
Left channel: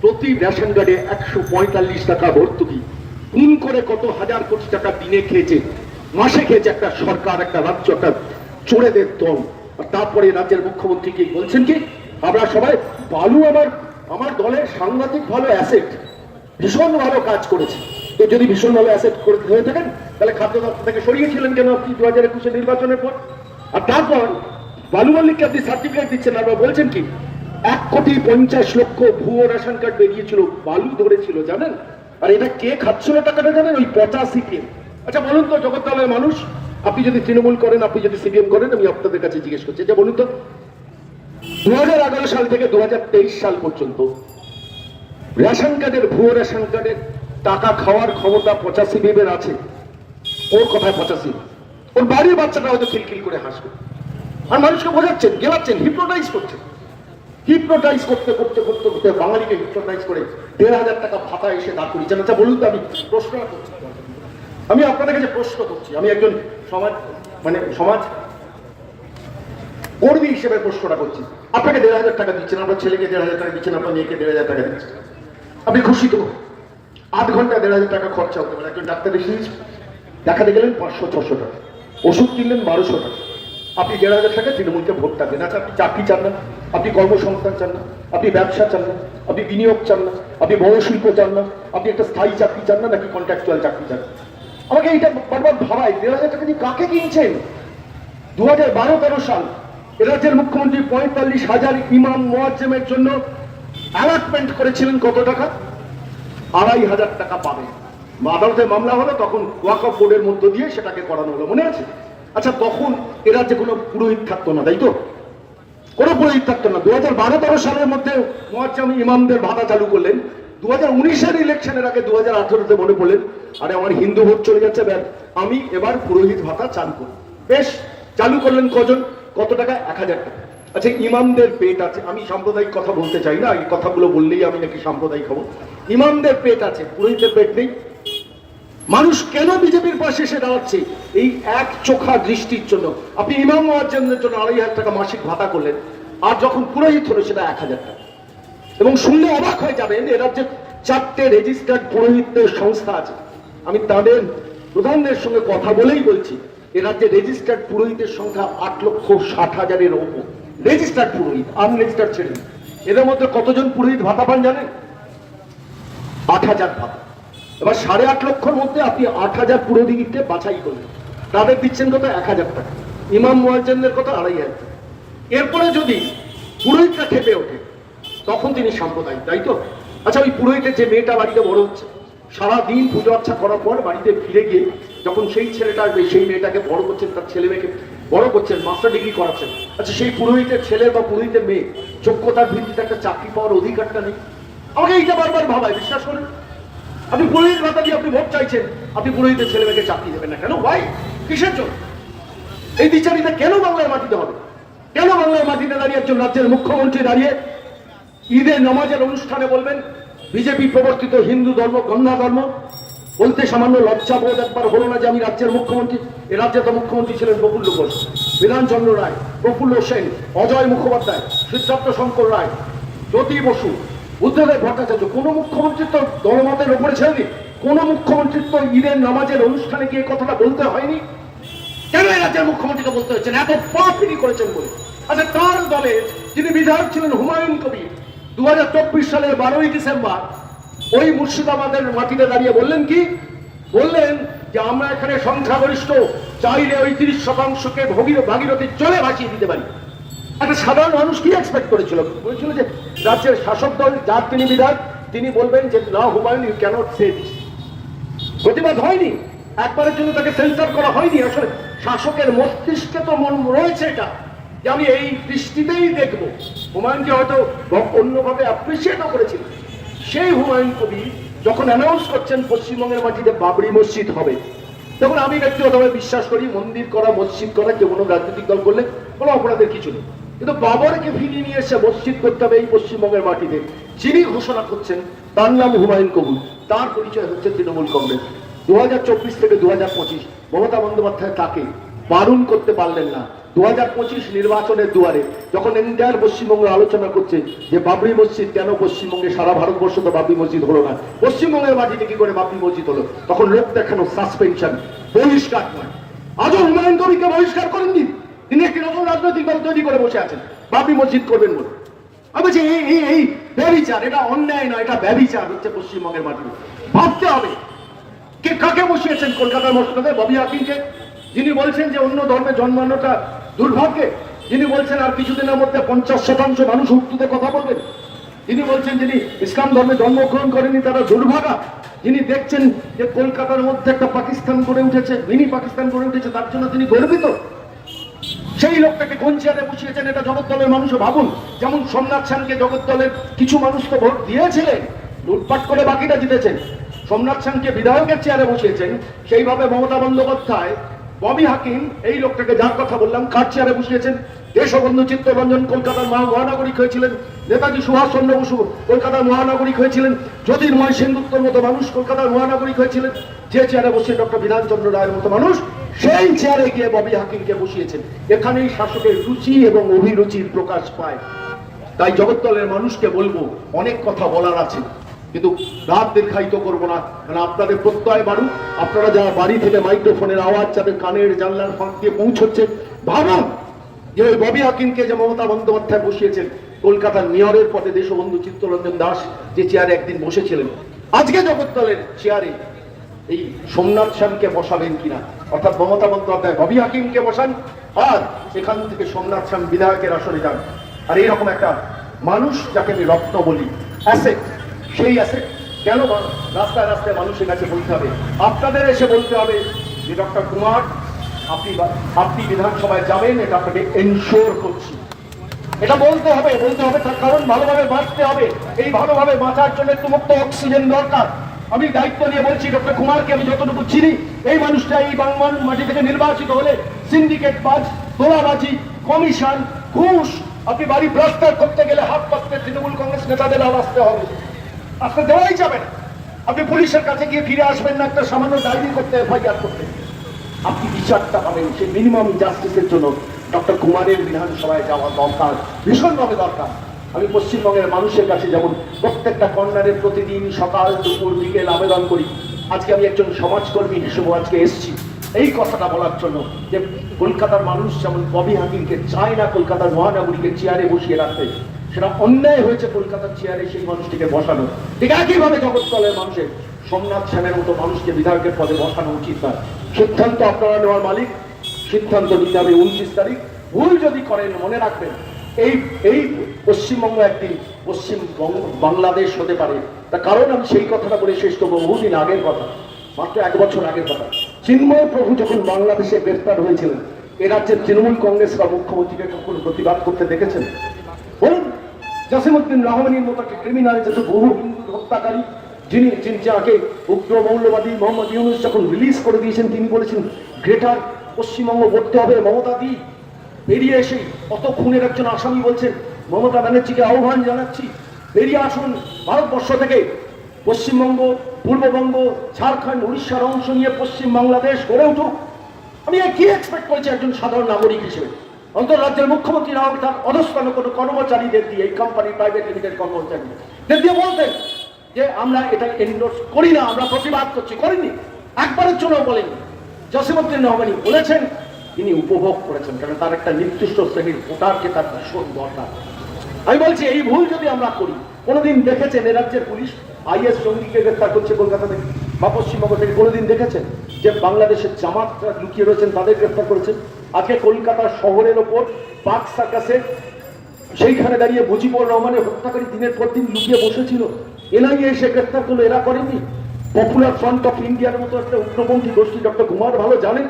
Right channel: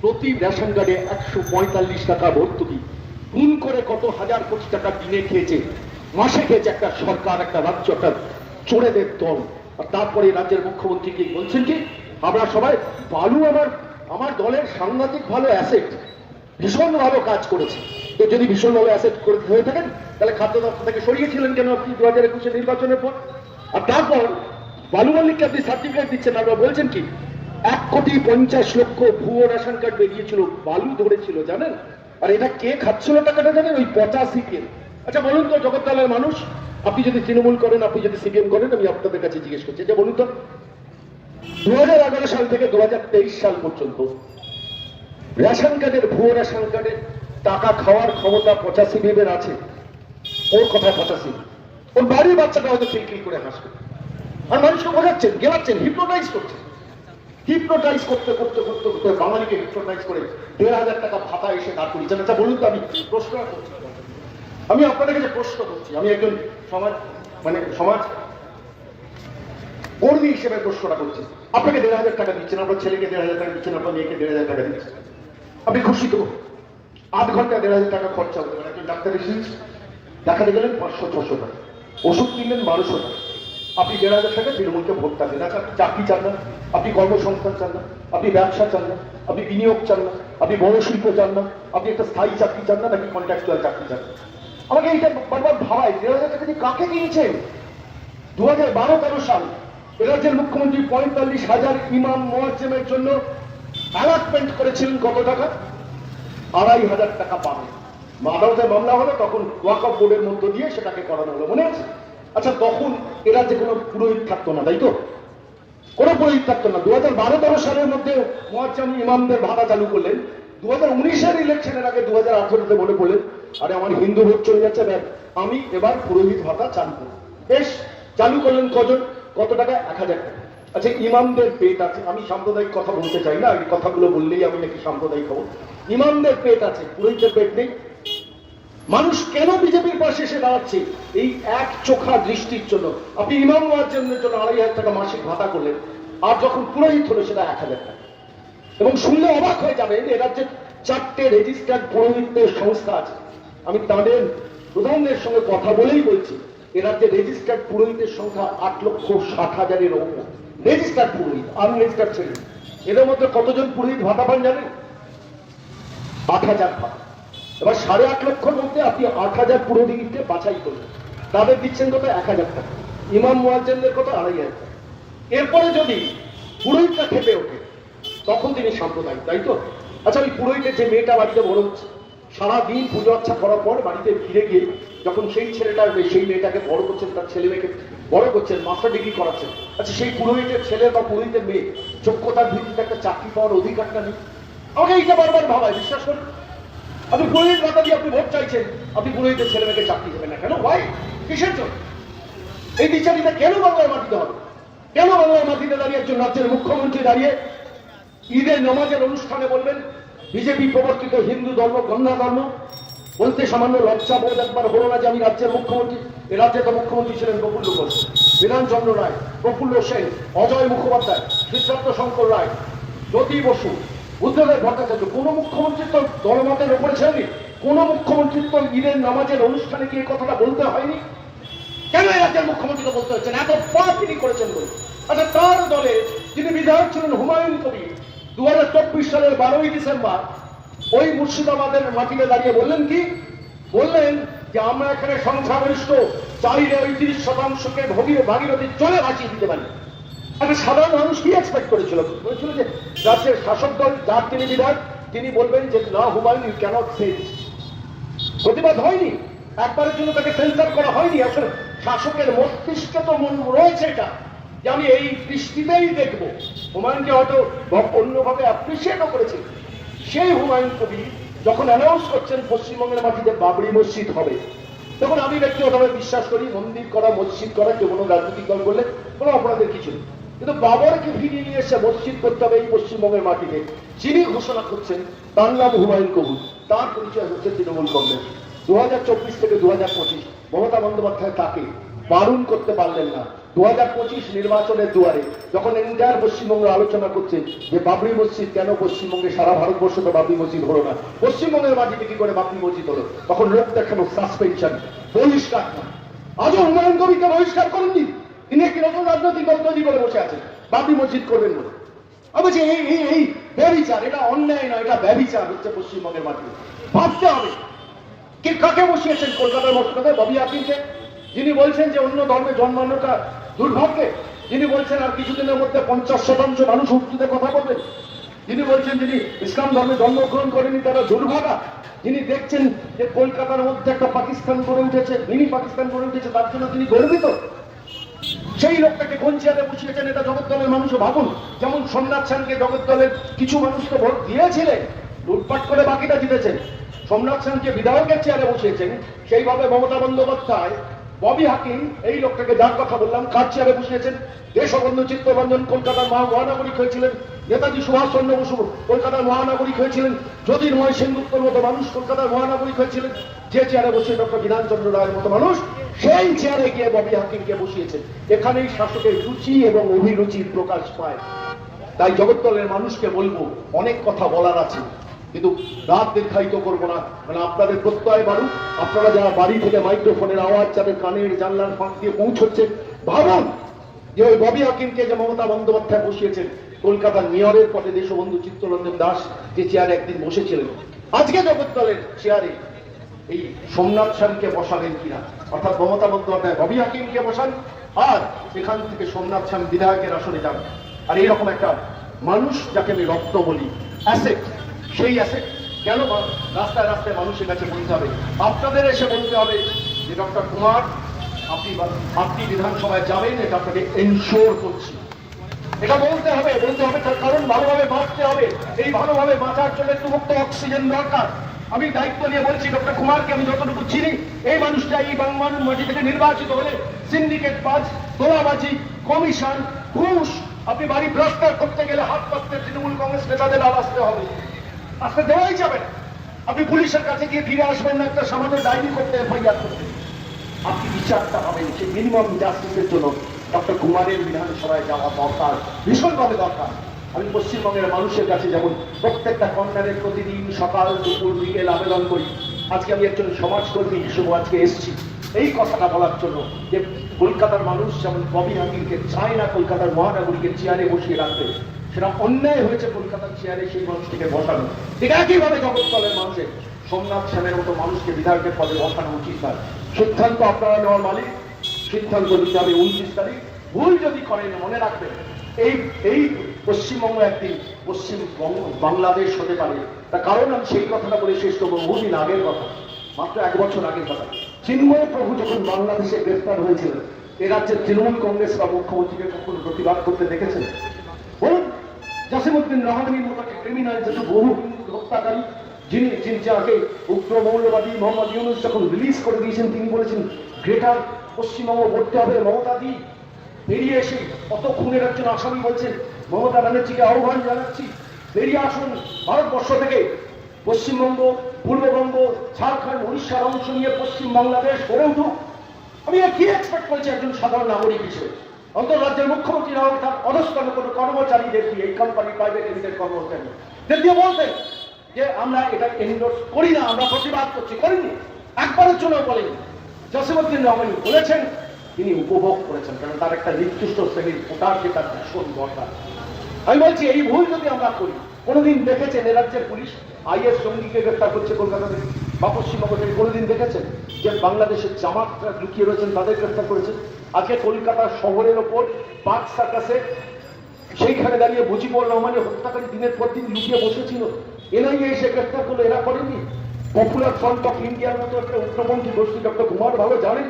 প্রতি রেশন কার্ডে 145 টাকা ভর্তুকি। গুণ করে কত হাজার কোটি টাকা দিনে খেয়েছে, মাসে খেয়েছে একটা সরকার, একটা রাজ্য, একটা চোরেদের দল। আর তারপরে রাজ্যের মুখ্যমন্ত্রী কি বলছেন কি, আমরা সবাই বালু আমার দলের সাংঘাতিক ভালো অ্যাসেট, ভীষণ ভালো কাজ করেছে। তো যদি ভীষণ ভালো অ্যাসেট হয়ে থাকেন, তাহলে খাদ্য দপ্তর থেকে সরিয়েছিলেন কেন আপনি 2021 নির্বাচনের পর? আর তারপর বালু মালিককে আপনি সার্টিফিকেট দিচ্ছেন, আবার বলছেন কি 1,50,00,000 ভুয়ো রেশন কার্ড বেরিয়েছিল, বালু ধরেছিল, জানেন? আর এটা কে খাচ্ছিল টাকাটা জানেন? ওই 85 কে। আচ্ছা বলুন তো জগদ্দলের মানুষ, আপনি যদি তৃণমূল করেন, আপনি যদি সিপিএম করেন, আমি আপনাদের কাছে জিজ্ঞেস করছি যে বলুন তো 2011 সাল থেকে 2023 সাল পর্যন্ত রেশন কার্ডের ভুয়ো রেশন কার্ডের টাকা খাওয়ার ক্ষমতা 85 বিবের আছে, ওর কথায় 85, ওর বাড়ির বাচ্চাটা হয়তো খিলখিল করে হাসবে, আর মানুষকে বোঝাচ্ছেন, গেলাচ্ছেন, হিপনোটাইজ করছেন। হিপনোটাইজ করতে করতে করতে করতে বাঙালিকে হিপনোটাইজ করে 1,500 টাকা ভাতা এসে দাঁড় করিয়েছেন। আচ্ছা বলুন তো, আমি প্রশ্নটা করছি, আমি আপনাদের কাছে প্রশ্ন করছি, আমি একজন সমাজ কর্মী হিসেবে প্রশ্নটা করছি। আপনাকে 1,500 টাকা দিচ্ছেন, আপনার ছেলেকে 1,500 টাকা দিচ্ছেন, আপনার মেয়েকে 1,500 টাকা দিচ্ছেন, আপনি খুশি তো? 8 ঘন্টা 1,500 টাকা খরচা হতে পারে। একজন ডাক্তার এসে দেখাতে গেলেন 500-600 টাকা, ওষুধ কিনলেন 1200 টাকা, আপনি 1,500 টাকা তৃণমূলকে ভোটটা দেন। আচ্ছা, আপনি চাকরি চান না, আপনি কর্মসংস্থান চান না, আপনি ব্যবসা চান না, আপনি বিনিয়োগ চান না, আপনি বড় শিল্প চান না, আপনি একটা স্থায়ী চাকরি চান না, নাকি কন্ট্রাকচুয়াল চাকরি চান? আমাকে এইটা বারবার ভাবায়, 1,500 টাকা দিয়ে কাকে কিনছেন? 2012-13 সাল রাজ্যের মুখ্যমন্ত্রী 45,000 ইমাম মুয়াজ্জেমের জন্য অ্যালটমেন্ট করেছিলেন। কত টাকা? 2,500 টাকা পাবে। আদালতে মামলা হলো, তখন ওয়াকফ বোর্ডের মধ্য দিয়ে সেটাকে করানো হলো, মনে আছে? আচ্ছা, তখন এরা যে কোনো পুরোহিত থাকতো না, তাই তো? কোনো পুরোহিত থাকতো না। 2012-13 সালের মধ্যে মুয়াজ্জেম ইমামদের ভাতা চালু করলেন। 2019-এর ইলেকশনের আগে 2018-তে মনে পড়লেন, আরে আমার হিন্দু ভোট চলে যাচ্ছে, আমি এবার পুরোহিত ভাতা চালু করব। বেশ, চালু করলেন। কজন? কত টাকা? 1,000 টাকা। আচ্ছা, ইমামদের পেট আছে, আমি সাম্প্রদায়িক কথা বলতে চাই না, এই কথাগুলো বললেই আমি নাকি সাম্প্রদায়িক হব। ইমামদের পেট আছে, পুরোহিতের পেট নেই। মানুষ কেন বিজেপির পাশে এসে দাঁড়াচ্ছে? এই এক চোখা দৃষ্টির জন্য। আপনি ইমাম মুয়াজ্জেমদের জন্য 2,500 টাকা মাসিক ভাতা করলেন, আর যখন পুরোহিত হলো সেটা 1,000 টাকা। এবং শুনলে অবাক হয়ে যাবেন, এ রাজ্যে 4টে রেজিস্টার্ড পুরোহিতদের সংস্থা আছে। আমি তাদের প্রধানদের সঙ্গে কথা বলেই বলছি, এ রাজ্যে রেজিস্টার্ড পুরোহিতের সংখ্যা 8,60,000-এর ওপর। রেজিস্টার্ড পুরোহিত, আনরেজিস্টার্ড ছিলেন। এদের মধ্যে কতজন পুরোহিত ভাতা পান জানেন? 8,000 ভাতা। এবার 8.5 লক্ষর মধ্যে আপনি 8,000 পুরোহিতকে বাছাই করলেন, তাদের দিচ্ছেন কত? 1,000 টাকা। ইমাম মুয়াজ্জেমদের কত? 2,500 টাকা। এরপরে যদি পুরোহিতটা খেতে ওঠে, তখন তিনি সাম্প্রদায়িক, তাই তো? আচ্ছা, ওই পুরোহিতের যে মেয়েটা বাড়িতে বড় হচ্ছে, সারাদিন পুজো আচ্ছা করার পর বাড়িতে ফিরে গিয়ে যখন সেই ছেলেটা আসবে, সেই মেয়েটাকে বড় করছেন, তার ছেলে মেয়েকে বড় করছেন, মাস্টার ডিগ্রি করাচ্ছেন। আচ্ছা, সেই পুরোহিতের ছেলে বা পুরোহিতের মেয়ে যোগ্যতার ভিত্তিতে একটা চাকরি পাওয়ার অধিকারটা নেই? আমাকে এইটা বারবার ভাবায়, বিশ্বাস করেন। আপনি পুরোহিত ভাতা দিয়ে আপনি ভোট চাইছেন, আপনি পুরোহিতের ছেলে মেয়েকে চাকরি দেবেন না কেন? ভাই, কিসের জন্য এই বিচারিতা? কেন বাংলার মাটিতে হবে? কেন বাংলার মাটিতে দাঁড়িয়ে একজন রাজ্যের মুখ্যমন্ত্রী দাঁড়িয়ে ঈদের নামাজের অনুষ্ঠানে বলবেন বিজেপি প্রবর্তিত হিন্দু ধর্ম গঙ্গা ধর্ম? বলতে সামান্য লজ্জা বোধ একবার হলো না যে আমি রাজ্যের মুখ্যমন্ত্রী? এ রাজ্যে তো মুখ্যমন্ত্রী ছিলেন প্রফুল্ল ঘোষ, বিধানচন্দ্র রায়, প্রফুল্ল সেন, অজয় মুখোপাধ্যায়, সিদ্ধার্থ শঙ্কর রায়, জ্যোতি বসু, বুদ্ধদেব ভট্টাচার্য। কোন মুখ্যমন্ত্রী তো দলমতের উপরে ছিলেন? কোন মুখ্যমন্ত্রী তো ঈদের নামাজের অনুষ্ঠানে গিয়ে কথাটা বলতে হয়নি? কেন এই রাজ্যের মুখ্যমন্ত্রীকে বলতে হচ্ছেন? এত পাপ তিনি করেছেন বলে। আচ্ছা, তার দলে যিনি বিধায়ক ছিলেন হুমায়ুন কবির, 2024 সালের 12ই ডিসেম্বর ওই মুর্শিদাবাদের মাটিতে দাঁড়িয়ে বললেন কি? বললেন যে আমরা এখানে সংখ্যাগরিষ্ঠ, চাইলে ওই 30%কে ভাগীরথীর জলে ভাসিয়ে দিতে পারি। একটা সাধারণ মানুষ কি এক্সপেক্ট করেছিল? বলেছিল যে রাজ্যের শাসক দল, যার তিনি বিধায়ক, তিনি বলবেন যে না Humayun, you can't say this. প্রতিবাদ হয়নি, একবারের জন্য তাকে সেন্সার করা হয়নি। আসলে শাসকের মস্তিষ্কে তো মন রয়েছে এটা, যে আমি এই দৃষ্টিতেই দেখবো। হুমায়ুনকে হয়তো অন্যভাবে অ্যাপ্রিসিয়েটও করেছি। সেই হুমায়ুন কবির যখন অ্যানাউন্স করছেন পশ্চিমবঙ্গের মাটিতে বাবরি মসজিদ হবে, তখন আমি ব্যক্তিগতভাবে বিশ্বাস করি মন্দির করা, মসজিদ করা কেউ কোনো রাজনৈতিক দল করলে কোনো অপরাধের কিছু নেই। কিন্তু বাবরকে ফিরিয়ে নিয়ে এসে মসজিদ করতে হবে এই পশ্চিমবঙ্গের মাটিতে, যিনি ঘোষণা করছেন তার নাম হুমায়ুন কবির, তার পরিচয় হচ্ছে তৃণমূল কংগ্রেস। 2024 থেকে 2025 মমতা বন্দ্যোপাধ্যায় তাকে বারণ করতে পারলেন না। 2025 নির্বাচনের দুয়ারে যখন এন্টায়ার পশ্চিমবঙ্গ আলোচনা করছে যে বাবরি মসজিদ কেন পশ্চিমবঙ্গে, সারা ভারতবর্ষ তো বাবরি মসজিদ হলো না, পশ্চিমবঙ্গের মাটিতে কি করে বাবরি মসজিদ হলো, তখন লোক দেখানো, সাসপেনশন, বহিষ্কার নয়। আজও হুমায়ুন কবিরকে বহিষ্কার করেননি, তিনি একটি নতুন রাজনৈতিক দল তৈরি করে বসে আছেন বাবরি মসজিদ করবেন বলে। আমি বলছি এই ব্যভিচার, এটা অন্যায় নয়, এটা ব্যভিচার হচ্ছে পশ্চিমবঙ্গের মাটিতে। ভাবতে হবে কে কাকে বসিয়েছেন কলকাতার মসজিদে? ববি হাকিমকে, যিনি বলছেন যে অন্য ধর্মে জন্মানোটা দুর্ভাগ্যে, যিনি বলছেন আর কিছুদিনের মধ্যে 50% মানুষ উর্দুতে কথা বলবেন, যিনি বলছেন যিনি ইসলাম ধর্মে জন্মগ্রহণ করেনি তারা দুর্ভাগা, যিনি দেখছেন যে কলকাতার মধ্যে একটা পাকিস্তান গড়ে উঠেছে, মিনি পাকিস্তান গড়ে উঠেছে, তার জন্য তিনি গর্বিত, সেই লোকটাকে কোন চেয়ারে বসিয়েছেন এটা জগদ্দলের মানুষও ভাবুন। যেমন সোমনাথ সেনকে জগদ্দলের কিছু মানুষ তো ভোট দিয়েছিলেন, লুটপাট করে বাকিটা জিতেছেন। সোমনাথ সেনকে বিধায়কের চেয়ারে বসিয়েছেন, সেইভাবে মমতা বন্দ্যোপাধ্যায় ববি হাকিম এই লোকটাকে যার কথা বললাম কার চেয়ারে বসিয়েছেন। দেশবন্ধু চিত্তরঞ্জন কলকাতার মহানাগরিক হয়েছিলেন, নেতাজি সুভাষ চন্দ্র বসু কলকাতার মহানাগরিক হয়েছিলেন, জ্যোতির্ময় সেনগুপ্তর মতো মানুষ কলকাতার মহানাগরিক হয়েছিলেন। যে চেয়ারে বসিয়ে ডক্টর বিধানচন্দ্র রায়ের মতো মানুষ সেই চেয়ারে গিয়ে ববি হাকিমকে বসিয়েছেন। এখানেই শাসকের রুচি এবং অভিরুচির প্রকাশ পায়। তাই জগদ্দলের মানুষকে বলবো, অনেক কথা বলার আছে, কিন্তু রাত দীর্ঘায়িত করবো না, কারণ আপনাদের প্রত্যয় বাড়ুক। আপনারা যারা বাড়ি থেকে মাইক্রোফোনের আওয়াজ যাদের কানের জানলার ফাঁক দিয়ে পৌঁছচ্ছে, ভাবুন যে ওই ববি হাকিমকে যে মমতা বন্দ্যোপাধ্যায় বসিয়েছেন কলকাতার মেয়রের পদে দেশবন্ধু চিত্তরঞ্জন দাস যে চেয়ারে একদিন বসেছিলেন, আজকে জগদ্দলের চেয়ারে এই সোমনাথ সেনকে বসাবেন কিনা। অর্থাৎ মমতা বন্দ্যোপাধ্যায় ববি হাকিমকে বসান আর এখান থেকে সোমনাথ সেন বিধায়কের আসরে যান। আর এইরকম একটা মানুষ যাকে আমি রত্ন বলি, অ্যাসেট, সেই অ্যাসেট কেন রাস্তায় রাস্তায় মানুষের কাছে বলতে হবে, আপনাদের এসে বলতে হবে যে ডক্টর কুমার আপনি বিধানসভায় যাবেন, এটা আপনাকে এনশোর করছি। এটা বলতে হবে তার কারণ ভালোভাবে বাঁচতে হবে। এই ভালোভাবে বাঁচার জন্য একটু মুক্ত অক্সিজেন দরকার। আমি দায়িত্ব নিয়ে বলছি, ডক্টর কুমারকে আমি যতটুকু চিনি, এই মানুষটা এই বাংলার মাটি থেকে নির্বাচিত হলে সিন্ডিকেট বাজ, তোলাবাজি, কমিশন, ঘুষ, আপনি বাড়ি প্রস্তাব করতে গেলে হাত পাততে তৃণমূল কংগ্রেস নেতাদের আসতে হবে, আসতে দেওয়াই যাবে না। আপনি পুলিশের কাছে গিয়ে ফিরে আসবেন না একটা সামান্য ডায়েরি করতে, এফআইআর করতে। আপনি বিচারটা পাবেন, সেই মিনিমাম জাস্টিসের জন্য ডক্টর কুমারের বিধানসভায় যাওয়া দরকার, ভীষণভাবে দরকার। আমি পশ্চিমবঙ্গের মানুষের কাছে যেমন প্রত্যেকটা কর্নারের প্রতিদিন সকাল দুপুর বিকেল আবেদন করি, আজকে আমি একজন সমাজকর্মী হিসেবে আজকে এসেছি এই কথাটা বলার জন্য যে কলকাতার মানুষ যেমন ববি হাকিমকে চায় না কলকাতার মহানগরীকে চেয়ারে বসিয়ে রাখতে, সেটা অন্যায় হয়েছে কলকাতার চেয়ারে সেই মানুষটিকে বসানো। ঠিক একইভাবে জগৎতলের মানুষের সোমনাথ সেনের মতো মানুষকে বিধায়কের পদে বসানো উচিত না। সিদ্ধান্ত আপনারা নেওয়ার মালিক, সিদ্ধান্ত নিতে হবে 29 তারিখ। ভুল যদি করেন মনে রাখবেন এই পশ্চিমবঙ্গ একদিন বাংলাদেশ হতে পারে। তার কারণ আমি সেই কথাটা বলে শেষ করবো, বহুদিন আগের কথা, মাত্র 1 বছর আগের কথা। চিন্ময় প্রভু যখন বাংলাদেশে গ্রেফতার হয়েছিলেন, এ রাজ্যের তৃণমূল কংগ্রেসরা মুখ্যমন্ত্রীকে কখন প্রতিবাদ করতে দেখেছেন? বলুন। জসিমউদ্দিন রহমানির মতো ক্রিমিনাল, যেহেতু বহু হিন্দু হত্যাকারী, যাকে উগ্র মৌলবাদী মোহাম্মদ ইউনূস যখন রিলিজ করে দিয়েছেন, তিনি বলেছেন গ্রেটার পশ্চিমবঙ্গ করতে হবে মমতা দি। বেরিয়ে এসে অত খুনের একজন আসামি বলছেন মমতা ব্যানার্জিকে আহ্বান জানাচ্ছি, বেরিয়ে আসুন ভারতবর্ষ থেকে। পশ্চিমবঙ্গ, পূর্ববঙ্গ, ঝাড়খণ্ড, উড়িষ্যার অংশ নিয়ে পশ্চিম বাংলাদেশ গড়ে উঠুক। আমি কি এক্সপেক্ট করছি একজন সাধারণ নাগরিক হিসেবে? অন্তর্রাজ্যের মুখ্যমন্ত্রী না হবে তার অধস্তন কোনো কর্মচারীদের দিয়ে, এই কোম্পানি প্রাইভেট লিমিটেড কর্মচারীদের দিয়ে বলতেন যে আমরা এটা এন্ডোর্স করি না, আমরা প্রতিবাদ করছি। করেননি, একবারের জন্য বলেননি। জসিমউদ্দিন রহমানি বলেছেন, তিনি উপভোগ করেছেন, কারণ তার একটা নির্দিষ্ট শ্রেণীর ভোটারকে তার ভীষণ দরকার। আমি বলছি এই ভুল যদি আমরা করি, কোনোদিন দেখেছেন এ রাজ্যের পুলিশ আইএস জঙ্গিকে গ্রেফতার করছে কলকাতা থেকে বা পশ্চিমবঙ্গ থেকে? কোনোদিন দেখেছেন যে বাংলাদেশের জামাতরা লুকিয়ে রয়েছেন তাদের গ্রেফতার করেছেন? আজকে কলকাতা শহরের ওপর পার্ক সার্কাসে সেইখানে দাঁড়িয়ে মুজিবুর রহমানের হত্যাকারী দিনের পর দিন লুকিয়ে বসেছিল, এনআইএ এসে গ্রেফতার করলো, এরা করেনি। পপুলার ফ্রন্ট অফ ইন্ডিয়ার মতো একটা উগ্রপন্থী গোষ্ঠী, ডক্টর কুমার ভালো জানেন,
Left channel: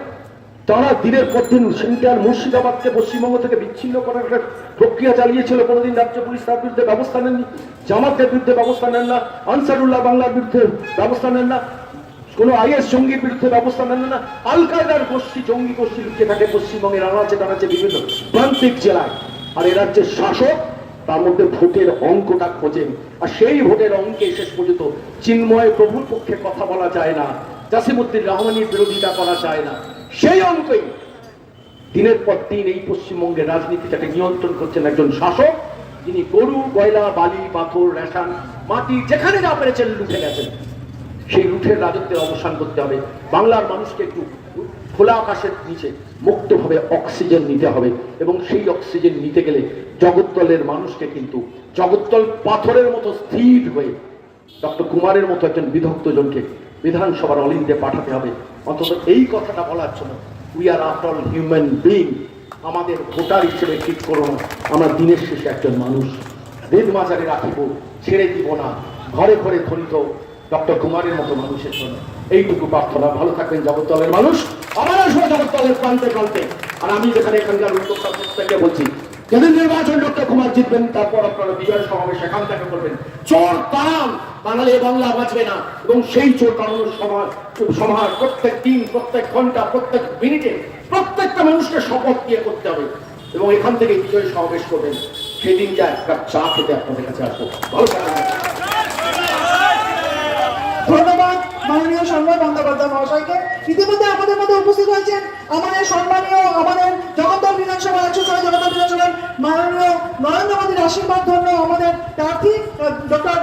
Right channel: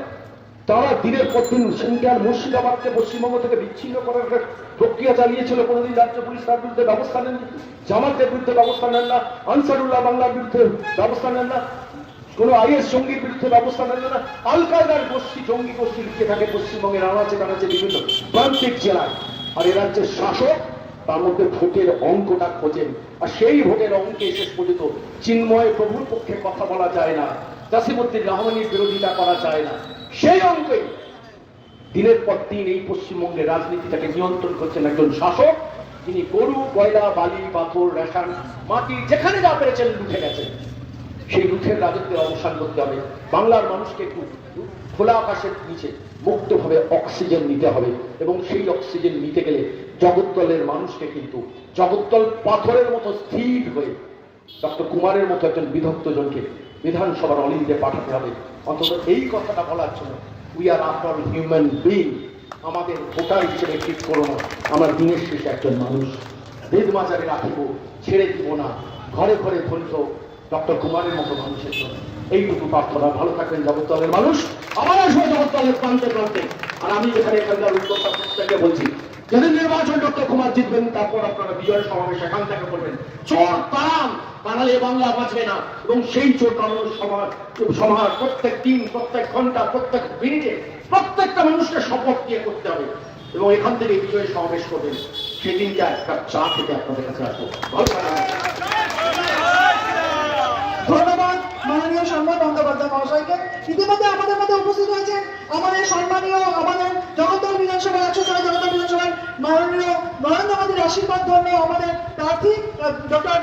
তারা দিনের পর দিন সেন্ট্রাল মুর্শিদাবাদকে পশ্চিমবঙ্গ থেকে বিচ্ছিন্ন করার একটা প্রক্রিয়া চালিয়েছিল। কোনোদিন রাজ্য পুলিশ তার বিরুদ্ধে ব্যবস্থা নেননি, জামাতের বিরুদ্ধে ব্যবস্থা নেন না, আনসারুল্লাহ বাংলার বিরুদ্ধে ব্যবস্থা নেন না, কোন আইএস জঙ্গির বিরুদ্ধে ব্যবস্থা নেন না। আল কায়দার গোষ্ঠী, জঙ্গি গোষ্ঠী লুকিয়ে থাকে পশ্চিমবঙ্গের আনাচে কানাচে বিভিন্ন প্রান্তিক জেলায়। আর এ রাজ্যের শাসক তার মধ্যে ভোটের অঙ্কটা খোঁজেন, আর সেই ভোটের অঙ্কে শেষ পর্যন্ত চিন্ময় প্রভুর পক্ষে কথা বলা যায় না, জসিমউদ্দিন রহমানির বিরোধিতা করা যায় না। সেই অঙ্কে দিনের পর দিন এই পশ্চিমবঙ্গের রাজনীতিটাকে নিয়ন্ত্রণ করছেন একজন শাসক, যিনি গরু, কয়লা, বালি, পাথর, রেশন, মাটি যেখানে যা পেরেছেন লুটে গেছেন। সেই লুঠের রাজত্বের অবসান করতে হবে। বাংলার মানুষকে একটু খোলা আকাশের নিচে মুক্তভাবে অক্সিজেন নিতে হবে, এবং সেই অক্সিজেন নিতে গেলে জগদ্দলের মানুষকে কিন্তু জগদ্দল পাথরের মতো স্থির হয়ে ডক্টর কুমারের মতো একজন বিধক্ত জনকে বিধানসভার অলিন্দে পাঠাতে হবে। অন্তত এই কথাটা বলার জন্য, we are after all human being, আমাদের ভোটার হিসেবে ঠিক করো না, আমরা দিনের শেষে একজন মানুষ। বেদ মাজারে রাখিব, ছেড়ে দিব না, ঘরে ঘরে ধরিত ডক্টর কুমারের মতো মানুষের জন্য। এইটুকু প্রার্থনা। ভালো থাকবেন জগদ্দলের মানুষ, আমার আসবে জগদ্দলের প্রান্তে প্রান্তে। আর আমি যেখানে এখানকার উদ্যোক্তা প্রত্যেককে বলছি, যদি নির্বাচন ডক্টর কুমার জিতবেন, তারপর আপনারা বিজয় সমাবেশ এখান থেকে করবেন। চোর তাম বাঙালি বাংলা বাঁচবে না। এবং সেই চোর কারণ সমাজ প্রত্যেক দিন, প্রত্যেক ঘন্টা, প্রত্যেক মিনিটে প্রত্যেকটা মানুষকে শপথ দিয়ে করতে হবে। এবং এখান থেকে বিজয় সমাবেশ করবেন, সেই দিনটা এক কাপ চা খেতে আপনাদের কাছে আসবো। ভালো থাকবেন। ধন্যবাদ মাননীয় সংবাদ বন্দ্যোপাধ্যায় মহাশয়কে। ইতিমধ্যে আমাদের মধ্যে উপস্থিত হয়েছে আমাদের সম্মানীয়, আমাদের জগদ্দল বিধানসভা 106 জগদ্দল বিধানসভার মাননীয় নরেন্দ্র মোদীর আশীর্বাদ ধন্য আমাদের প্রার্থী ডক্টর